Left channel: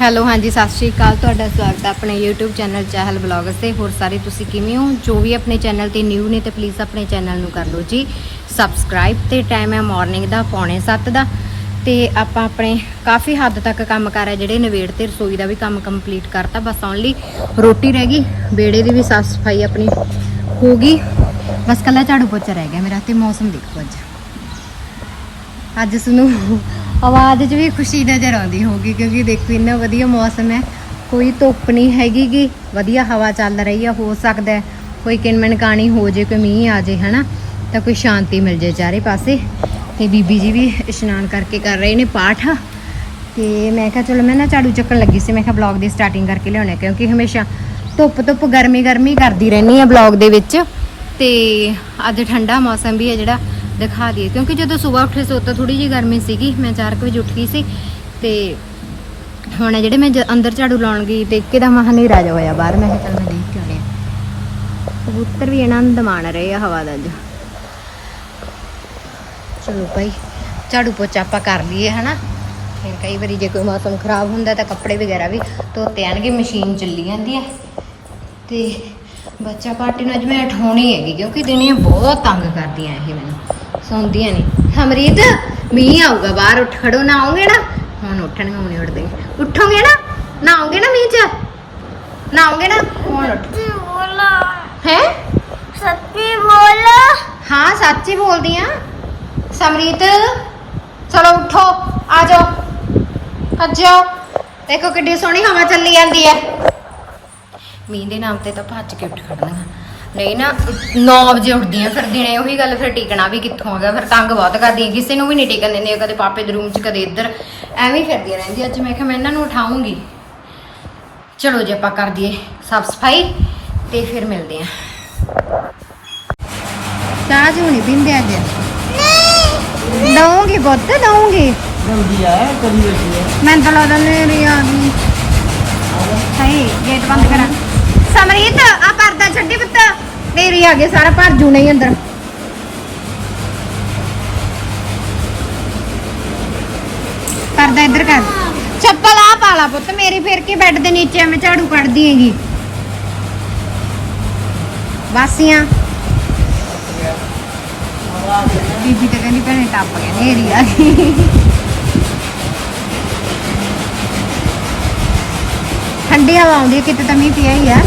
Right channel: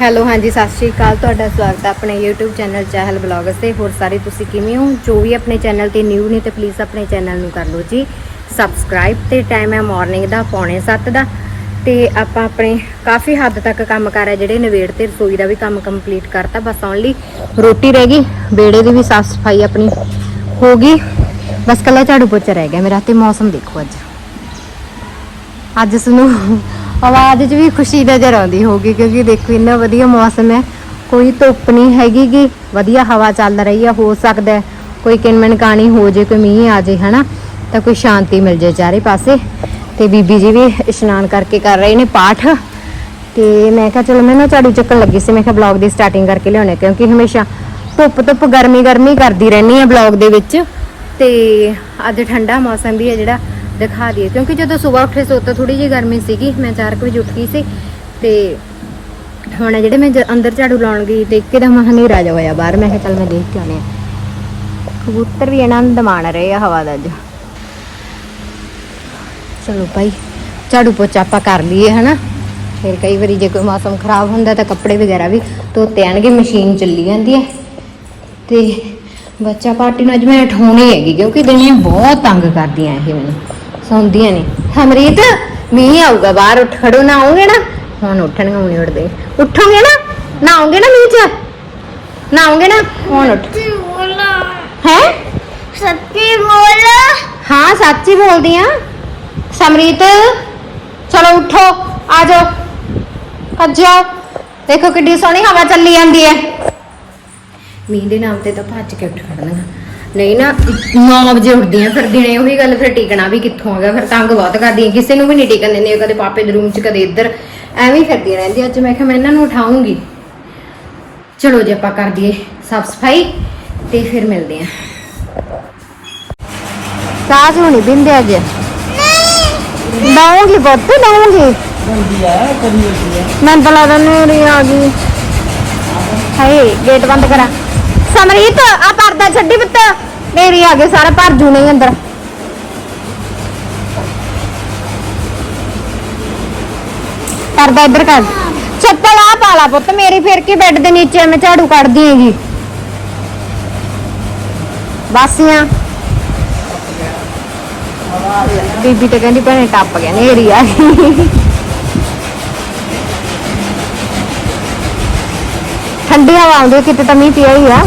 Hello, ਹਾਂਜੀ, ਸਤਿ ਸ਼੍ਰੀ ਅਕਾਲ। ਤੁਹਾਡਾ ਸਵਾਗਤ ਹੈ ਆਪਣੇ YouTube ਚੈਨਲ ਚਾਹਲ ਬਲੌਗਸ ਤੇ। ਹੋਰ ਸਾਰੇ ਤੁਸੀਂ ਕਿਵੇਂ ਹੋ? ਜੋ ਵੀ ਆਪਣੇ ਚੈਨਲ ਤੇ ਨਿਊ ਨੇ ਤੇ ਪਲੀਜ਼ ਆਪਣੇ ਚੈਨਲ ਨੂੰ ਕਰ ਲਓ ਜੀ। ਸਬਸਕ੍ਰਾਈਬ ਤੇ ਟਾਈਮ ਹੈ ਮਾਰਨਿੰਗ ਦਾ, ਪੌਣੇ 7 ਦਾ। ਤੇ ਆਪਾਂ ਆਪਣੇ ਕਾਫੀ ਹੱਦ ਤੱਕ ਕੰਮ ਕਰ ਹੈ ਜਿਹੜੇ ਨਵੇੜ ਤੇ ਰਸੋਈ ਦਾ ਵੀ ਕੰਮ ਕੰਪਲੀਟ ਕਰਤਾ, ਬਸ ਓਨਲੀ ਰੋਟੀ ਰਹਿ ਗਈ ਬੇੜੇ ਦੀ ਵੀ ਸਾਫ਼ ਸਫ਼ਾਈ ਆਪਣੀ ਹੋ ਗਈ। ਬਸ ਕੱਲਾ ਝਾੜੂ ਪੋਚਾ ਰਹਿ ਗਿਆ ਮੇਰਾ ਤੇ ਮੌਸਮ ਦੇਖੋ ਅੱਜ। ਅੱਜ ਸਾਨੂੰ ਆਵਾਜ਼ 'ਚ ਵੀ ਖੁਸ਼ੀ ਨਜ਼ਰ ਆਉਂਦੀ ਹੋਗੀ ਕਿਉਂਕਿ ਦੇਖੋ ਇੰਨਾ ਵਧੀਆ ਮੌਸਮ ਹੈ। ਕੋਈ ਧੁੱਪ ਨਹੀਂ ਹੈਗੀ ਗੀ। ਵਧੀਆ ਹਵਾ ਚੱਲ ਰਹੀ ਆ, ਹੋ ਸਕਦਾ ਹੈ ਕੋਈ ਕਿਨਮਨ ਕਾਣੀ ਹੋ ਜੇ, ਕੋਈ ਮੀਂਹ ਆ ਜੇ, ਹਨਾ? ਤਾਂ ਕੋਈ ਸ਼ਾਂਤੀ ਮਿਲ ਜੇ ਚਾਰੇ ਪਾਸੇ। ਤੇ ਬੀਬੀ ਜੀ ਵੀ ਇਸ਼ਨਾਨ ਕਰਕੇ ਕਰ ਰਹੇ ਨੇ ਪਾਠ। ਤੇ ਮੈਂ ਕਿਹਾ, ਚਲੋ ਮੈਂ ਨਾ ਝਾੜੂ ਚੱਕਣ ਲੱਗੀ ਸੀ। ਮੈਂ ਕਿਹਾ ਬਲੌਗ ਦੀ ਸਟਾਰਟਿੰਗ ਕਰਕੇ ਲਿਆਉਣੇ ਕਿਉਂਕਿ ਹਮੇਸ਼ਾ ਧੁੱਪ ਧੁੱਪ ਗਰਮੀ ਗਰਮੀ ਕਰਦੀ ਰਹਿੰਦੀ ਆ ਬਲੌਗ ਦੇ ਵਿੱਚ। ਤੇ ਅੱਜ ਠੰਡਾ ਮੌਸਮ ਵੀ ਹੈ ਜਿਹੜਾ। ਦਿਖਾ ਦਈਏ। ਕਿਉਂਕਿ ਜਦੋਂ ਸਵੇਰ ਉੱਠੇ ਸੋ ਤਾਂ ਥੋੜੀ ਜਿਹੀ ਗਰਮੀ ਸੀਗੀ। ਮੈਂ 4 ਵਜੇ ਉੱਠ ਗਈ ਸੀ ਤੇ ਹੁਣ ਜਿਹੜੇ ਮੈਂ ਅੰਦਰ ਝਾੜੂ ਲਾਉਣ ਗਈ ਤੇ ਇੱਕੇ ਦਾ ਹਨੇਰਾ ਰਾਜਾ ਹੋਇਆ ਬਾਹਰ। ਮੈਂ ਕਿਹਾ ਚੱਲ ਮੈਂ ਦੇਖ ਕੇ ਆਉਣੀ ਆ ਕਬੂਤਰ ਵੀ ਆਨੰਦ ਮਾਣ ਰਹੇ ਆ ਹਵਾ ਦਾ ਅੱਜ। ਚਲੋ ਭਾਈ, ਝਾੜੂ ਪੋਚਾ ਆਪਾਂ ਕਰ ਲਈਏ, ਹਨਾ? ਫਿਰ ਕਈ ਵਾਰੀ ਜੇ ਕੋਈ ਮੌਸਮ ਖਰਾਬ ਹੁੰਦਾ ਤਾਂ ਕੱਪੜੇ ਵਗੈਰਾ ਵੀ ਧੋਤੇ ਆਣਗੇ, ਮਸ਼ੀਨ ਚੱਲੀ ਜਾਂਦੀ ਹੈ। ਤੇ ਬੱਚਾ ਪਾਰਟੀ ਨੂੰ ਅੱਜ ਮੈਂ ਉਠਾਉਣੀ ਹੈਗੀ, ਕਿਉਂਕਿ ਦਿਨੇ ਬਹੁਤ ਤੰਗ ਕਰਦੀਆਂ ਇਹ ਮੈਨੂੰ। ਸੌਂਦੀਆਂ ਨਹੀਂ ਹਮਰੀਤ ਮੀਂਹ ਆਊਗਾ ਬਾਹਰ ਉੱਠ ਖੜੋ ਨਾ ਆਉਂਗੇ ਨਾ। ਹੁਣ ਉੱਠਣਗੇ ਹੁਣੇ ਉੱਠਦੇ। ਉੱਠੋਗੇ ਨਾ? ਨਾ ਆਉਂਗੇ ਨਾ ਮੀਂਹ ਚ? ਨਾ ਆਉਂਗੇ ਨਾ? ਹੁਣ ਉੱਠ। ਬੋਲਾ। ਹੈ? ਸੱਚੀ ਬੋਲਾ। ਹਾਂ ਸੱਚ ਬੋਲਦੀ ਆ ਸਮਰੀਤ ਚਲੋ ਉੱਠੋ ਆ ਜਾਓ। ਭੱਜ ਜਾਓ। ਦੇਖੋ ਕਿੱਡੀ ਸੋਹਣੀ ਹਵਾ ਚੱਲੀ ਜਾਂਦੀ ਹੈ। ਮੀਂਹ ਦੇ ਨਾਮ ਤੇ ਤਾਂ ਭੱਜ ਕੇ ਉੱਠ ਖੜਨਾ। ਨਹੀਂ ਨਾ 9 ਵਜੇ ਉੱਠਦੀਆਂ ਫਿਰ ਦਿਨੇ ਉਹੀ ਗੱਲ, ਫਿਰ ਟਿਕਣਾ ਵੀ ਕਿੱਥੋਂ ਹੈਗਾ, ਫਿਰ ਤੰਗ ਬਹੁਤ ਕਰਦੀਆਂ ਕਿਸੇ ਨੂੰ ਵੀ ਨਹੀਂ ਟਿਕਣ ਦਿੰਦੀਆਂ ਕਦੇ ਪਾਪੇ ਦੇ ਰੂਮ 'ਚ, ਕਦੇ ਇੱਧਰ, ਐਵੇਂ ਹੀ ਫਿਰਦੀਆਂ ਰਹਿੰਦੀਆਂ ਅੱਜ ਮੈਂ ਕਿਹਾ ਮੈਂ ਇਹਨਾਂ ਨੂੰ ਉਠਾਉਂਗੀ। ਚਲੋ ਜੀ, ਆਪਾਂ ਕਰ ਦਈਏ ਸਾਫ਼ ਸਫ਼ਾਈ ਤੇ ਫਿਰ ਮਿਲਦੇ ਆਂ। ਸਾਜ ਹੋਣੀ ਬਿੰਦੇ ਅੱਜ। ਦਊਂਗੀ ਪੁੱਤ, ਦਊਂਗੀ। ਬੰਦੀ ਆ ਕਰੀ ਹੋਈ ਹੈ ਮੈਂ ਤਾਂ ਲੱਗਦਾ ਨੇੜੀ ਆ ਗਈ। ਹਾਏ, ਗੇਟ ਬੰਦ ਕਰਾ। ਸਮਰੀਤ ਆ ਪਰਦਾ ਛੱਡੀ ਪੁੱਤ। ਨੇੜੀ ਆ ਗਏ ਸਾਰਾ ਭਰ ਜੂਨੇ ਹੀ ਅੰਦਰ। ਪਰਦਾ ਇੱਧਰ ਕਰ। ਚੱਪਲ ਆ ਪਾ ਲਾ ਪੁੱਤ, ਮੇਰੀ ਫਿਰ ਕੇ ਬੈੱਡ ਦੇ ਨੀਚੇ ਮੈਂ ਝਾੜੂ ਕੱਢਦੀ ਹੈਗੀ। ਬਾਸੀਆਂ ਬੀਬੀ ਤੇ ਕਹਿੰਦੀ ਭੈਣੇ ਟੱਪ ਗਿਆ, ਨੇਰੀ ਆ ਠੰਡੀ ਹਵਾ ਆਉਂਦੀ ਕਿਤੇ ਤਾਂ ਮੀਂਹ ਪਿਆ ਹੀ ਆ।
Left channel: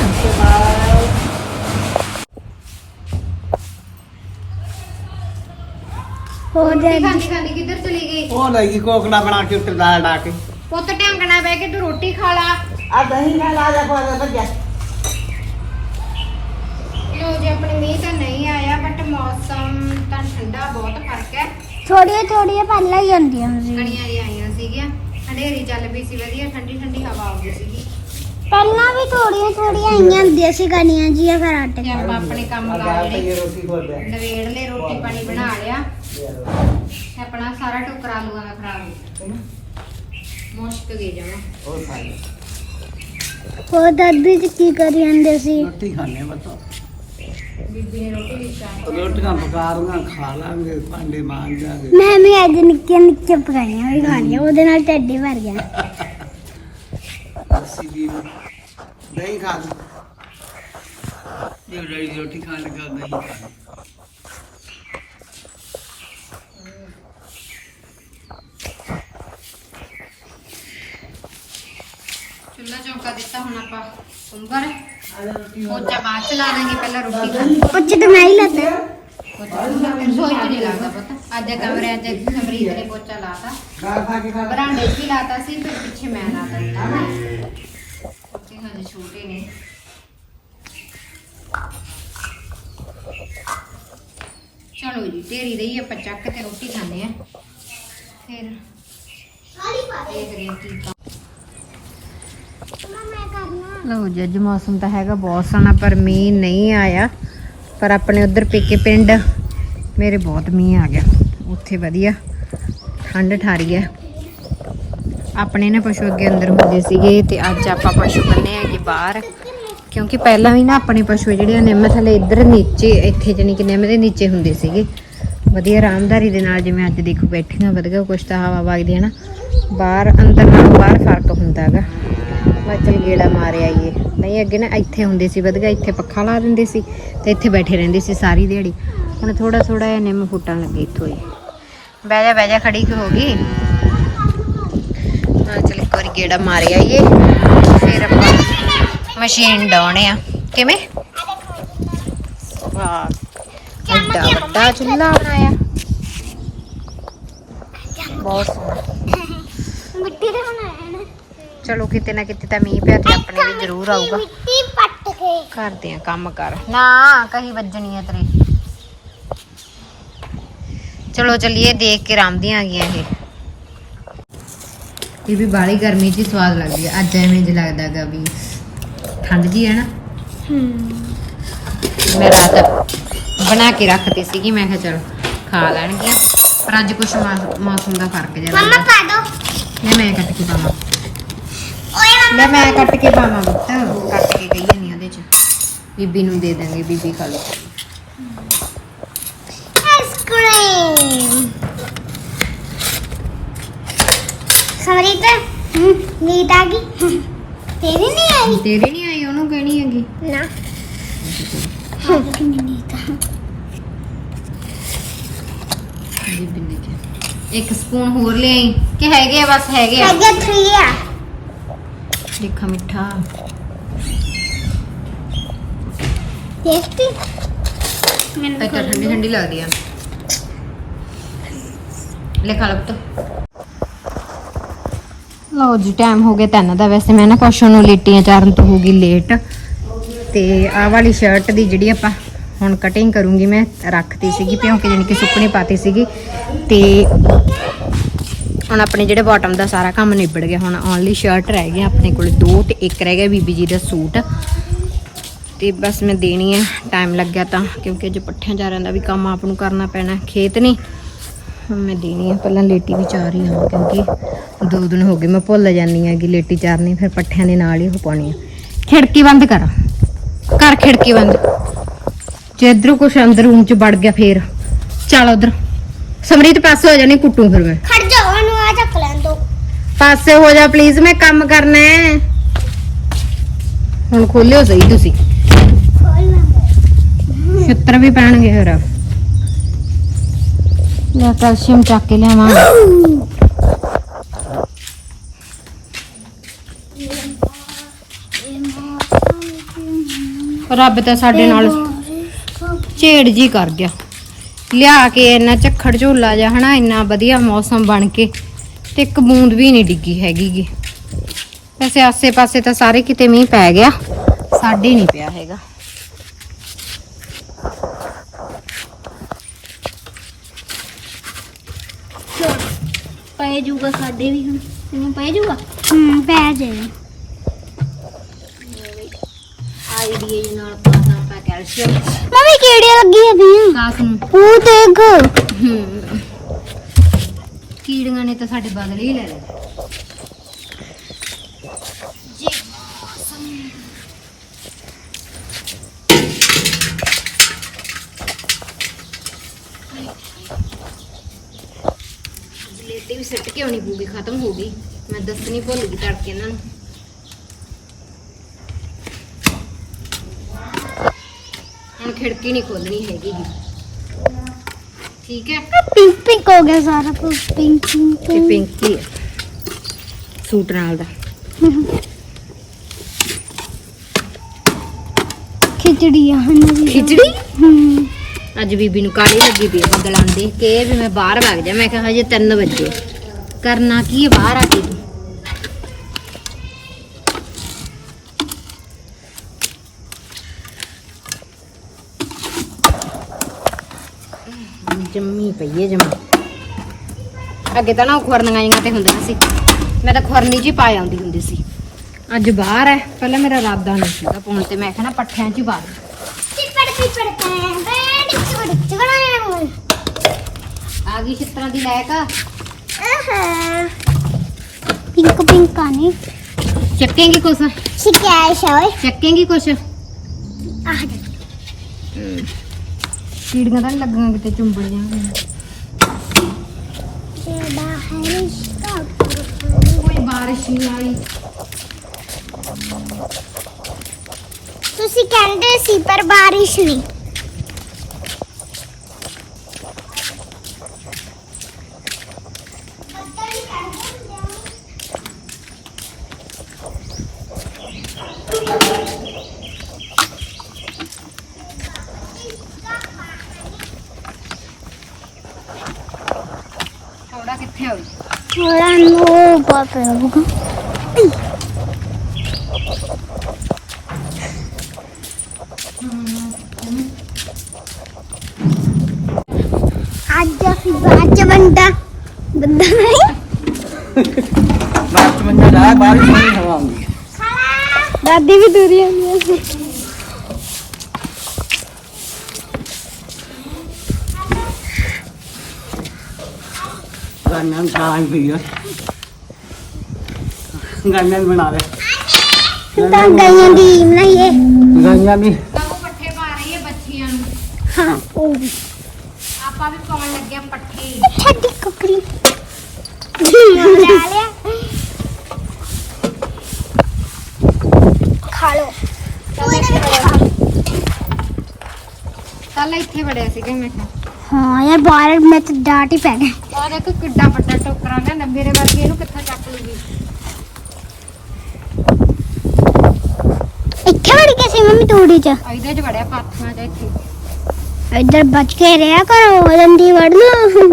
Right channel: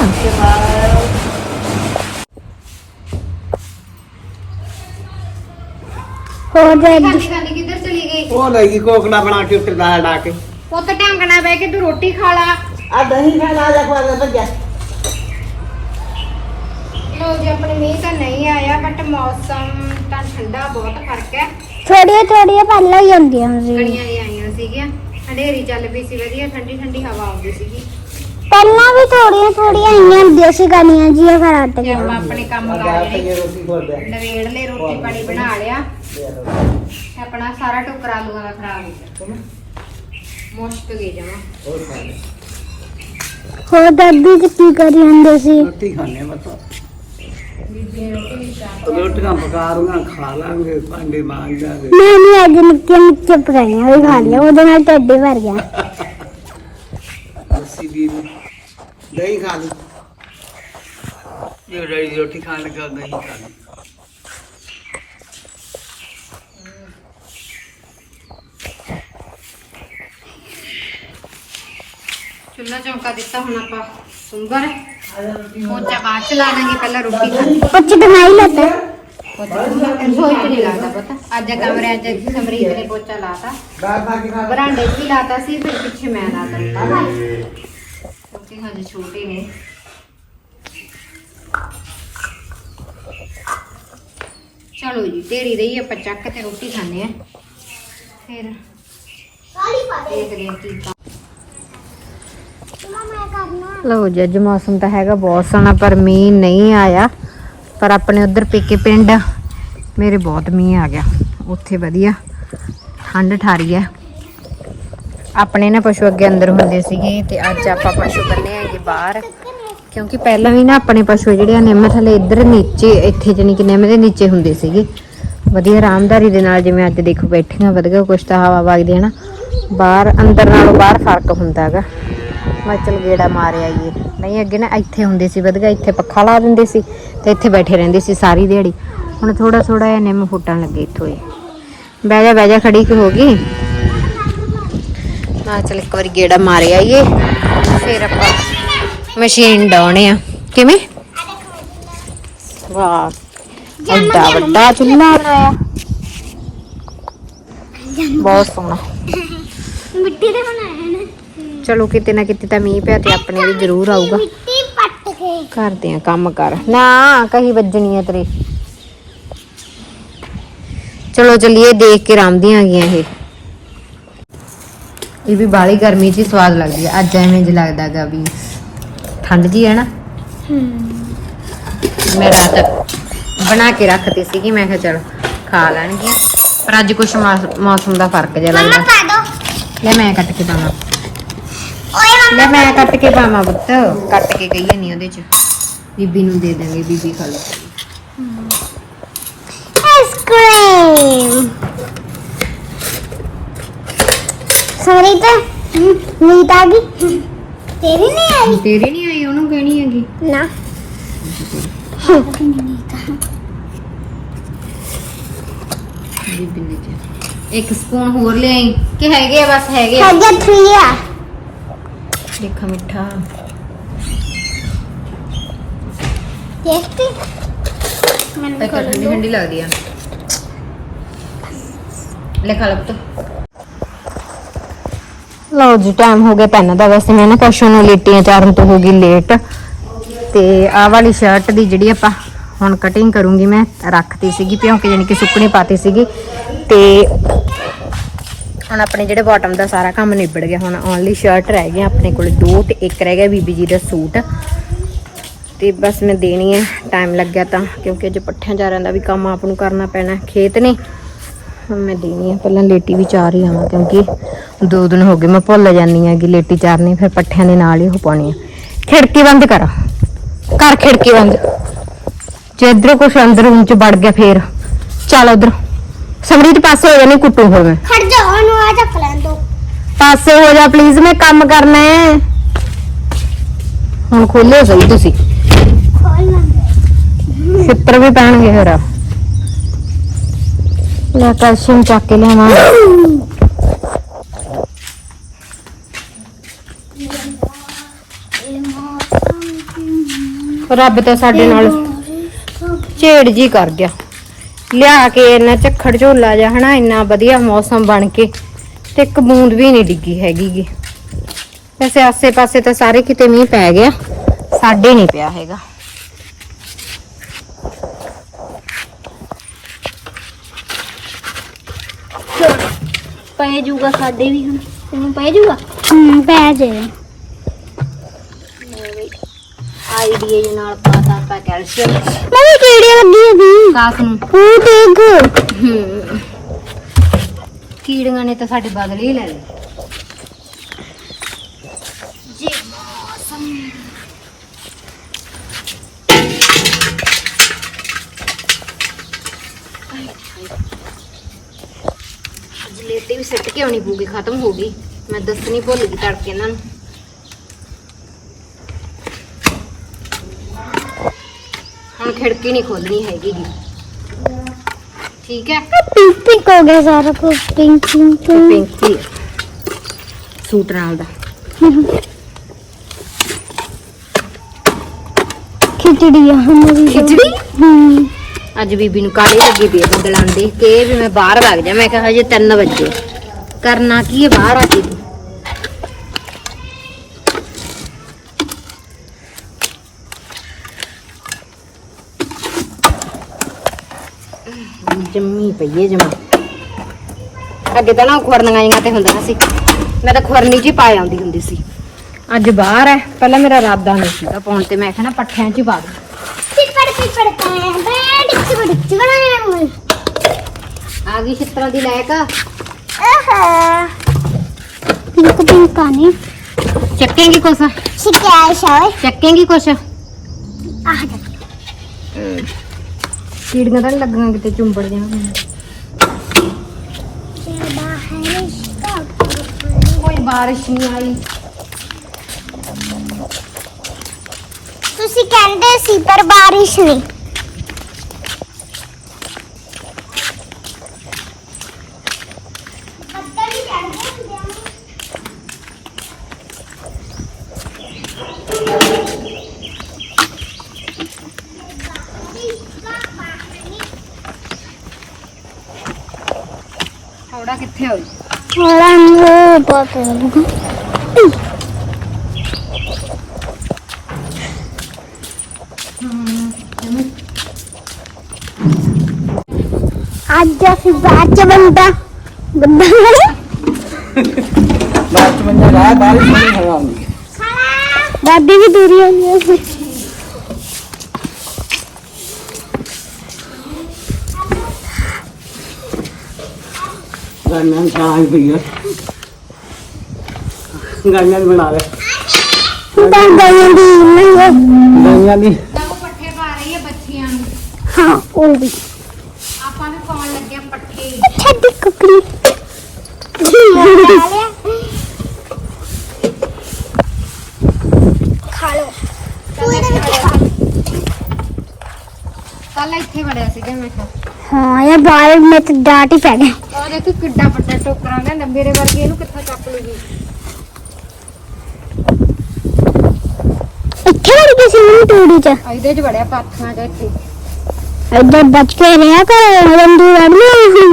ਹੋ ਜਾਂਦੀ ਕਿੱਧਰ ਚਲੀ ਗਈ। ਉਹ ਲੈ ਗਈ ਕੋਕੜਾ ਬਣਾ ਕੇ ਉੱਤੇ ਦਾਲ ਡਾ ਕੇ। ਉਹ ਤਾਂ ਢੰਗਣਾ ਬਹਿ ਕੇ ਤੂੰ ਰੋਟੀ ਖਾ ਲਾ। ਆ ਦਹੀਂ ਖਾ ਲਾ ਜਾ ਖਵਾ ਦੇ ਭੱਜਿਆ। ਲੋ ਜੀ ਆਪਣੇ ਮੀਂਹ ਤਾਂ ਨਹੀਂ ਆਇਆ ਬਟ ਮੌਸਮ ਤਾਂ ਠੰਡਾ ਬਹੁਤ ਫ਼ਰਕ ਹੈ। ਥੋੜੀਆਂ ਥੋੜੀਆਂ ਪਹਿਲਾਂ ਹੀ ਹੁੰਦੀਆਂ ਸੀ। ਗੜੀਆਂ ਹੀ ਆਈਆਂ ਸੀਗੀਆਂ ਹਨੇਰੀ ਚੱਲ ਪਈ ਸੀ ਵਧੀਆ ਠੰਡੀ ਠੰਡੀ ਹਵਾ ਆਉਂਦੀ ਸੀਗੀ। ਪਹਿਲਾਂ ਵੀ ਥੋੜੀਆਂ ਥੋੜੀਆਂ ਆਈਆਂ ਹੁੰਦੀਆਂ ਸੀ ਗਾਣੀਆਂ ਜੀਆਂ ਫਿਰ ਹਟ ਗਈਆਂ। ਆਪਾਂ ਆਪਣੇ ਕੰਮ ਕਰ ਜਿਹੜੇ ਰੋਟੀ ਖੋਲ ਦੇ ਨਵੇੜ ਲੈ ਰੋਟੀ ਪਾਣੀ ਬਣਾ ਲਿਆ। ਆਪਣਾ ਸਾਰਾ ਟੋਕਰਾ ਆਲੂਆਂ ਦਾ ਖਰਾਬ ਹੋ ਗਿਆ ਮੁਸ਼ਕ ਗਈ ਜਮਾ। ਹੋਰ ਖਾ ਲੈ ਹੋਰ ਦਾਦੀ ਜੀ ਕੀ ਕਰੀ ਜਾਂਦੇ ਸੀ? ਰੋਟੀ ਖਾਣੇ ਬਤਾ ਬੀਬੀ ਨੇ ਰੋਟੀ ਨਹੀਂ ਖਾਣੀ ਰੋਟੀਆਂ ਪਕਾ ਲੂੰਗਾ ਖਾ ਲਾਂਗੇ ਭਾਂਡੇ ਮਾਂਜ ਜਾਗੇ ਮੈਂ ਵੀ ਅੱਜ ਨਿੱਕੀਆਂ ਨਿੱਕੀਆਂ ਪਕਾਈਆਂ ਵੀ ਖਾ ਲਿਆ ਉਹਦੇ ਨਾਲ ਢਿੱਡ ਹੀ ਭਰ ਗਿਆ। ਅਸੀਂ ਵੀ ਦਹੀਂ ਖਾ ਲਈ ਇਹ ਰਹੀ ਰੋਟੀ ਖਾਣ ਲੱਗਾ ਦਹੀਂ ਖਾ ਲਈ ਚੁੱਲ੍ਹਾ ਚੌਂਕਾ ਦਿੱਤਾ ਹੁਣ ਆਪਾਂ ਸੁੰਬਰ ਪੋਚਾ ਬਾਅਦ ਚ ਲਾ ਦਾਂਗੇ ਪਹਿਲਾਂ ਰੋਟੀ ਖਾਣੀ। ਕੁਝ ਤਾਂ ਮੈਂ ਹੀ ਲੱਤਾ। ਪੋਚਾ ਰਸੋਈ ਚ ਨਹੀਂ ਲੱਗਦਾ ਪਤਾ। ਅੱਜ ਕਮਰੇ ਅੱਜ ਸਮਰੀਤ ਨੇ ਪੋਚਾ ਲਾਤਾ। ਦਾਲ ਖਾ ਕੇ ਖਾ ਬਰਾਂਡੇ 'ਚ ਹੀ ਲਾਤਾ ਸੀ ਫਿਰ ਪਿੱਛੇ ਮੈਂ ਲਾ ਦਿੱਤਾ। ਕਿਉਂਕਿ ਹਜੇ ਛੋਟੇ ਨੇ। ਚਲੋ ਜੀ ਤੇਰੀ ਰਹੀ ਆਪਾਂ ਚੱਕ ਤੇ ਰੋਟੀ ਖਾਣੇ ਆ ਫਿਰ ਦੇਖਦੇ ਹਾਂ ਕੀ ਲਓ ਜੀ, ਅੱਜ ਮੌਸਮ ਤਾਂ ਹੈਗਾ ਬਹੁਤ ਸੋਹਣਾ, ਪਰ ਮੀਂਹ ਨਹੀਂ ਆਇਆ। ਪਰ ਆਪਣੇ ਉਧਰ ਪੇਕੇ ਪਿੰਡ, ਮੇਰੇ ਬਹੁਤ ਮੀਂਹ ਆ ਗਿਆ। ਉੱਥੇ ਵਧੀਆ, ਠੰਡ ਠਾਰੀ ਹੈ ਆਪਣੇ ਨਾ ਪਸ਼ੂ ਅੱਗੇ ਅੰਦਰ ਹੁੰਦੇ ਸੀਗੇ ਤੇ ਅੱਜ ਆਪਾਂ ਪਸ਼ੂ ਬੰਨੇ ਹੈਗੇ ਬਾਹਰ। ਕਿਉਂਕਿ ਪਹਿਲਾਂ ਵੀ ਨਾ ਆਪਣੇ ਪਸ਼ੂ ਜਿਹੜੇ ਆ ਨਿੰਮ ਥੱਲੇ ਇੱਧਰ ਨੀਚੇ, ਇੱਥੇ ਜਾਨੀ ਕਿ ਨਿੰਮ ਦੇ ਨੀਚੇ ਹੁੰਦੇ ਸੀਗੇ। ਵਧੀਆ ਆਰਾਮਦਾਰੀ ਦੇ ਨਾਲ ਜਿਵੇਂ ਅੱਜ ਦੇਖੋ ਬੈਠੀਆਂ, ਵਧੀਆ ਕੁਛ ਤਾਂ ਹਵਾ ਵਗਦੀ ਹੈ ਨਾ। ਬਾਹਰ, ਅੰਦਰ ਨਾਲੋਂ ਬਾਹਰ ਫ਼ਰਕ ਹੁੰਦਾ ਹੈਗਾ। ਅੱਗੇ ਨਾ ਇੱਥੇ ਹੁੰਦੇ ਸੀ ਵਧੀਆ ਇੱਥੇ ਪੱਖਾ ਲਾ ਦਿੰਦੇ ਸੀ ਤੇ ਇੱਥੇ ਬੈਠੇ ਰਹਿੰਦੇ ਸੀ ਸਾਰੀ ਦਿਹਾੜੀ। ਹੁਣ ਥੋੜਾ ਥੋੜਾ ਜਿਹਾ ਨਿੰਮ ਫੁੱਟਣ ਲੱਗੇ ਇੱਥੋਂ ਹੀ। ਬਹਿ ਜਾ ਬਹਿ ਜਾ ਖੜੀ ਕਿ ਹੋ ਗਈ। ਆ ਚਲ ਇੱਕ ਵਾਰੀ ਗੇੜਾ ਮਾਰੇ ਆਈਏ ਫਿਰ ਆਪਾਂ ਮਸ਼ੀਨ ਡਾਉਣੇ ਆ। ਕਿਵੇਂ? ਵਾਹ ਐਡਾ ਵੱਡਾ ਚੁੱਲ੍ਹਾ ਬਣਾਇਆ। ਬਹੁਤ ਸੋਹਣਾ। ਮਿੱਟੀ ਦੇ ਬਣਾਏ ਨੇ ਚਲੋ ਕਿਤੇ ਨਾ ਕਿਤੇ ਤਾਂ ਮੀਂਹ ਪਿਆ ਤੇ ਆਪਣੇ ਵੀ ਜ਼ਰੂਰ ਆਊਗਾ। ਮਿੱਟੀ ਪੱਟ ਕੇ। ਕਰਦੇ ਆ ਕੰਮ ਕਰ। ਨਾ ਕਹੀ ਵੱਜਣੀ ਆ ਤੇਰੇ। ਚਲੋ ਚਲਿਏ ਦੇਖ ਕੇ ਰਾਮਦੀਆਂ ਆ ਗਈਆਂ ਇਹ। ਇਹ ਵੀ ਬਾਲੀ ਗਰਮੀ 'ਚ ਹੀ ਸਵਾਦ ਲੱਗਦੀ ਹੈ ਅੱਜ ਐਵੇਂ ਜਿਹਾ ਲੱਗਦਾਗਾ ਵੀ ਠੰਡ ਜੀ ਹੈ ਨਾ। ਮੈਂ ਰਾਤ ਬਣਾ ਕੇ ਰੱਖਤੀ ਸੀਗੀ ਮੈਂ ਕਿਹਾ ਚਲ ਖਾ ਲੈਣਗੇ ਪਰ ਅੱਜ ਕੁਛ ਮੌਸ- ਮੌਸਮ ਦਾ ਫ਼ਰਕ ਜਿਹਾ ਮੰਮਾ ਲੱਗਦਾ। ਪਾ ਦੋ। ਲੈ ਮੈਂ ਕੱਟ ਕੇ ਪਾਵਾਂ ਲੈ ਮੈਂ ਕੱਟ ਕੇ ਪਾਵਾਂ ਪੁੱਤ। ਕੱਟ ਕੇ ਗਈ ਨਹੀਂ ਉਹਦੇ 'ਚ। ਬੀਬੀ ਨੂੰ ਦੇ ਦਾਂਗੇ ਬੀਬੀ ਖਾ ਲਓ। ਆਈਸਕ੍ਰੀਮ ਸਮਰੀਤ ਨੀਤ ਆ ਗਈ? ਤੇਰੀ ਨਹੀਂ ਆਈ? ਤੇਰੀ ਨਹੀਂ ਆਈ ਉਹਨੂੰ ਕਹਿਣੀ ਹੈਗੀ। ਨਾ। ਬੀਬੀ ਨੇ ਕਿਹਾ। ਇੱਕ ਸਪੂਨ ਹੋਰ ਲਿਆਈ ਕਿ ਹੈਗੇ ਆ ਬਸ ਹੈਗੇ ਆ। ਹੈਗਾ 3 ਆ। ਦੇਖਾ ਮਿੱਠਾ। ਯੈਸਟ ਮੈਨੂੰ ਇੱਕ ਠੰਡੀ ਠੰਡੀ ਲੱਗਦੀ ਆ। ਲੈ ਖਾ ਲਓ ਜੀ ਟਾਈਮ ਹੋ ਗਿਆ ਤਿੰਨ ਦਾ। ਵੈਸੇ ਮੈਂ ਨਾ ਕੁਛ ਨੂੰ ਲੇਟੀਆਂ ਚਾਰਨ ਤੋਂ ਹੋ ਗਈ ਲੇਟ ਤੇ ਆਹ ਵਾਲੀ ਸ਼ਰਟ ਦੀ ਜਿਹੜੀ ਆਪਾਂ ਹੁਣ ਕਟਿੰਗ ਕਰੂੰਗੀ ਮੈਂ ਰੱਖਤੀ ਸੀਗੀ ਭਿਉਂਕੇ ਜਾਨੀ ਕਿ ਸੁੱਕਣੀ ਪਾਤੀ ਸੀਗੀ। ਤੇ ਹੁਣ ਆਪਣੇ ਜਿਹੜੇ ਬਾਟਮ ਦਾ ਸਾਰਾ ਕੰਮ ਨਿਬੜ ਗਿਆ, ਹੁਣ ਓਨਲੀ ਸ਼ਰਟ ਰਹਿ ਗਈ ਆਪਣੇ ਕੋਲ, ਦੋ ਤੇ ਇੱਕ ਰਹਿ ਗਿਆ ਬੀਬੀ ਜੀ ਦਾ ਸੂਟ। ਤੇ ਬਸ ਮੈਂ ਦੇਣੀ ਹੈ ਟਾਈਮ ਲੱਗਿਆ ਤਾਂ, ਕਿਉਂਕਿ ਅੱਜ ਪੱਠਿਆਂ ਚਾਰਿਆਂ ਦਾ ਵੀ ਕੰਮ ਆਪ ਨੂੰ ਕਰਨਾ ਪੈਣਾ, ਖੇਤ ਨੇ। ਹੁਣ ਮੈਂ ਦੇਣੀ ਹੈ ਪਹਿਲਾਂ ਲੇਟੀ ਵੀ ਚਾਰ ਹੀ ਆਵਾਂ, ਕਿਉਂਕਿ ਦੋ ਦਿਨ ਹੋ ਗਏ, ਮੈਂ ਭੁੱਲ ਜਾਂਦੀ ਹਾਂ ਕਿ ਲੇਟੀ ਚਾਰਨੀ, ਫਿਰ ਪੱਠਿਆਂ ਦੇ ਨਾਲ ਹੀ ਹੋ ਪਾਉਣੀ ਹੈ ਖਿੜਕੀ ਬੰਦ ਕਰ। ਕਰ ਖਿੜਕੀ ਬੰਦ। ਜੇ ਇਧਰੋਂ ਕੁਛ ਅੰਦਰ ਰੂਮ ਚ ਵੜ ਗਿਆ ਫੇਰ, ਚੱਲ ਉਧਰ। ਸਮਰੀਤ ਪਾਸੇ ਹੋ ਜਾਣੀ ਕੁੱਟੂ ਫਿਰ ਮੈਂ। ਖੜ ਜਾ ਉਹਨੂੰ ਆ ਚੱਕ ਲੈਣ ਦੋ। ਪਾਸੇ ਹੋ ਜਾ ਪਲੀਜ਼ ਮੈਂ ਕੰਮ ਕਰਨਾ ਹੈ। ਹੁਣ ਖੋਲਿਓ ਸਹੀ ਤੁਸੀਂ। ਖੋਲ ਲੈਂਦੇ ਛਿੱਤਰ ਵੀ ਪੈਣਗੇ ਫਿਰ ਲੈ ਕੈਲਸ਼ੀਅਮ ਚੱਕ ਕੇ ਲਿਆਵਾਂ। ਰੱਬ ਤਾਂ ਸਾਡੇ ਨਾਲ ਝੇੜ ਜੀ ਕਰ ਗਿਆ। ਲਿਆ ਕੇ ਇੰਨਾ ਝੱਖੜ ਝੋਲਾ ਜਿਹਾ ਹਨਾ ਇੰਨਾ ਵਧੀਆ ਮੌਸਮ ਬਣ ਕੇ ਤੇ ਇੱਕ ਬੂੰਦ ਵੀ ਨਹੀਂ ਡਿੱਗੀ ਹੈਗੀ ਗੀ ਵੈਸੇ ਆਸੇ-ਪਾਸੇ ਤਾਂ ਸਾਰੇ ਕਿਤੇ ਮੀਂਹ ਪੈ ਗਿਆ ਸਾਡੇ ਨਹੀਂ ਪਿਆ ਹੈਗਾ। ਪੈ ਜਾਊਗਾ ਸਾਡੇ ਵੀ ਹੁਣ ਤੈਨੂੰ ਪੈ ਜਾਊਗਾ ਹੂੰ ਪੈ ਜੇ ਆਈਡੀਏ ਦੇ ਨਾਲ ਪਾਤਾ ਆਪਾਂ ਕੈਲਸ਼ੀਅਮ। ਮੰਮੀ ਕਿਹੜੀ ਲੱਗੀ ਇਹਦੀ ਕਾਸ ਨੂੰ। ਉਹ ਦੇਖ ਹੂੰ ਕੀੜੀਆਂ ਨੇ ਤਾਂ ਸਾਡੇ ਬਦਲ ਹੀ ਲੈ ਲਏ। ਜਲੇਟੀ ਵੀ ਸਿੱਟ ਕੇ ਆਉਣੀ ਪਊਗੀ ਖਤਮ ਹੋ ਗਈ। ਮੈਂ ਦੱਸਣੀ ਭੁੱਲ ਗਈ ਤੜਕੇ ਇਹਨਾਂ ਨੂੰ। ਹੁਣ ਖਿੜਕੀ ਨਹੀਂ ਖੋਲਣੀ ਹੈਗੀ ਗੀ। ਠੀਕ ਹੈ? ਪਿੰਕ ਪਿੰਕ ਹੋ ਗਿਆ ਸਾਰਾ ਕੁਝ ਪਿੰਕ ਪਿੰਕ ਤੇ ਪਿੰਕੀ ਸੂਟ ਨਾਲ ਦਾ। ਖਿਚੜੀ ਆ ਹਮਾਰੀ ਖਿਚੜੀ? ਹੂੰ। ਅੱਜ ਬੀਬੀ ਨੂੰ ਕਾਲੀ ਲੱਗੀ ਪਈ ਆ ਬਦਲਾਂ ਦੇ। ਕੇ ਵੀ ਮੈਂ ਬਾਹਰ ਵਗ ਜਾ। ਮੈਂ ਕਿਹਾ ਹਜੇ 3 ਵਜੇ। ਕਰਨਾ ਕੀ ਹੈ ਬਾਹਰ ਆ ਕੇ ਤੂੰ? ਜੰਮੀ ਪਈ ਹੈ ਜਮਾ। ਅੱਗੇ ਤਾਂ ਨਾ ਖੁਰਨੀਆਂ ਜਿਹੀਆਂ ਤੇ ਹੁੰਦੀਆਂ ਸੀ। ਮੈਂ ਤਾਂ ਖੁਰਨੀ ਹੀ ਪਾ ਆਉਂਦੀ ਹੁੰਦੀ ਸੀ। ਅੱਜ ਬਾਹਰ ਹੈ ਪਹਿਲਾਂ ਮੇਰਾ ਇਰਾਦਾ ਨਹੀਂ ਸੀਗਾ ਪਾਉਣ ਤੇ। ਮੈਂ ਕਿਹਾ ਨਾ ਪੱਠਿਆਂ 'ਚ ਹੀ ਪਾ ਦੂੰ। ਟਿਪੜ ਟਿਪੜ ਪੈ ਬੈਡ ਚਿਪੜ ਹੋਏ ਆ ਗਈ ਛਿੱਤਰਾਂ ਦੀ ਲੈਕ। ਆਹਾ। ਪਿੰਕ ਪਿੰਕ ਆਨੇ ਚੱਕੇਂਗੀ ਕੁਛ? ਸ਼ਿਕਾਇ ਸ਼ਾਵੇ ਚੱਕੇਂਗੀ ਕੁਛ ਆਹ ਜਾ ਕੀੜੀਆਂ ਤਾਂ ਨਹੀਂ ਲੱਗੀਆਂ ਕਿਤੇ, ਚੁੰਬੜ ਜਾਣਗੀਆਂ ਕੋਈ ਬਾਰਿਸ਼ ਨਹੀਂ ਆਈ। ਤੁਸੀਂ ਕਹਿੰਦੇ ਸੀ ਪਰ ਬਾਰਿਸ਼ ਨਹੀਂ ਥੋੜਾ ਕਿੱਥੇ ਹੋਈ ਥੋੜਾ ਮੂੰਹ ਬਹੁਤ ਅੱਜ ਅਸੀਂ ਬਾਅਦ ਚ ਬੰਦਾ ਬੰਦਾ ਬਾਤ ਮੰਨੇ ਲਾ ਬਾਰਿਸ਼ ਨਹੀਂ ਹੋਵਾਂਗੀ ਦਾਦੀ ਵੀ ਦੂਰੀ ਹੋਈ ਹੈ ਗਾਨਾਂ ਖਾਈ ਪਈ ਆ ਗਾਨਾਂ ਬਣਾ ਲੈ ਦਾਦਾ ਦੀ। ਨਹੀਂ ਹੈ ਗਾਨਾਂ ਦੀ ਉਹ ਪੱਠੇ ਪਾ ਰਹੀ ਹੈ ਬੱਚੀਆਂ ਨੂੰ। ਹਾਂ ਉਹ ਵੀ। ਆਪਾਂ ਵੀ ਪਾਉਣ ਲੱਗੇ ਆ ਪੱਠੇ। ਛੱਡ ਕੁਕਰੀ ਖਾ ਲਿਆ। ਖਾ ਲੋ ਤੂੰ ਇਹਦੇ ਵਿੱਚ ਖਾ। ਕੱਲ ਇੱਥੇ ਵੜਿਆ ਸੀਗਾ ਮੈਂ ਕਿਹਾ ਹਾਂ ਇਹ ਬਾਹਰ ਮੈਂ ਤਾਂ ਡਾਟ ਹੀ ਪੈ ਗਿਆ ਔਰ ਇਹ ਕਿੱਡਾ ਵੱਡਾ ਟੋਕਰਾ ਲਿਆਂਦਾ ਮੇਰੇ ਵਰਗੇ ਇਹਨੂੰ ਕਿੱਥੋਂ ਚੱਕ ਲੂਗੀ ਇੱਥੇ ਵੜ ਕੇ ਸੀ ਮੈਨੂੰ ਤੂੜੀ ਚ। ਇਹਦੇ 'ਚ ਵੜਿਆ ਪਾਥੀਆਂ 'ਚ ਇੱਥੇ। ਇੱਧਰ ਬਚ ਕੇ ਰਿਹਾ ਕਰ ਰੰਦੀ ਵੜਨੀ ਐ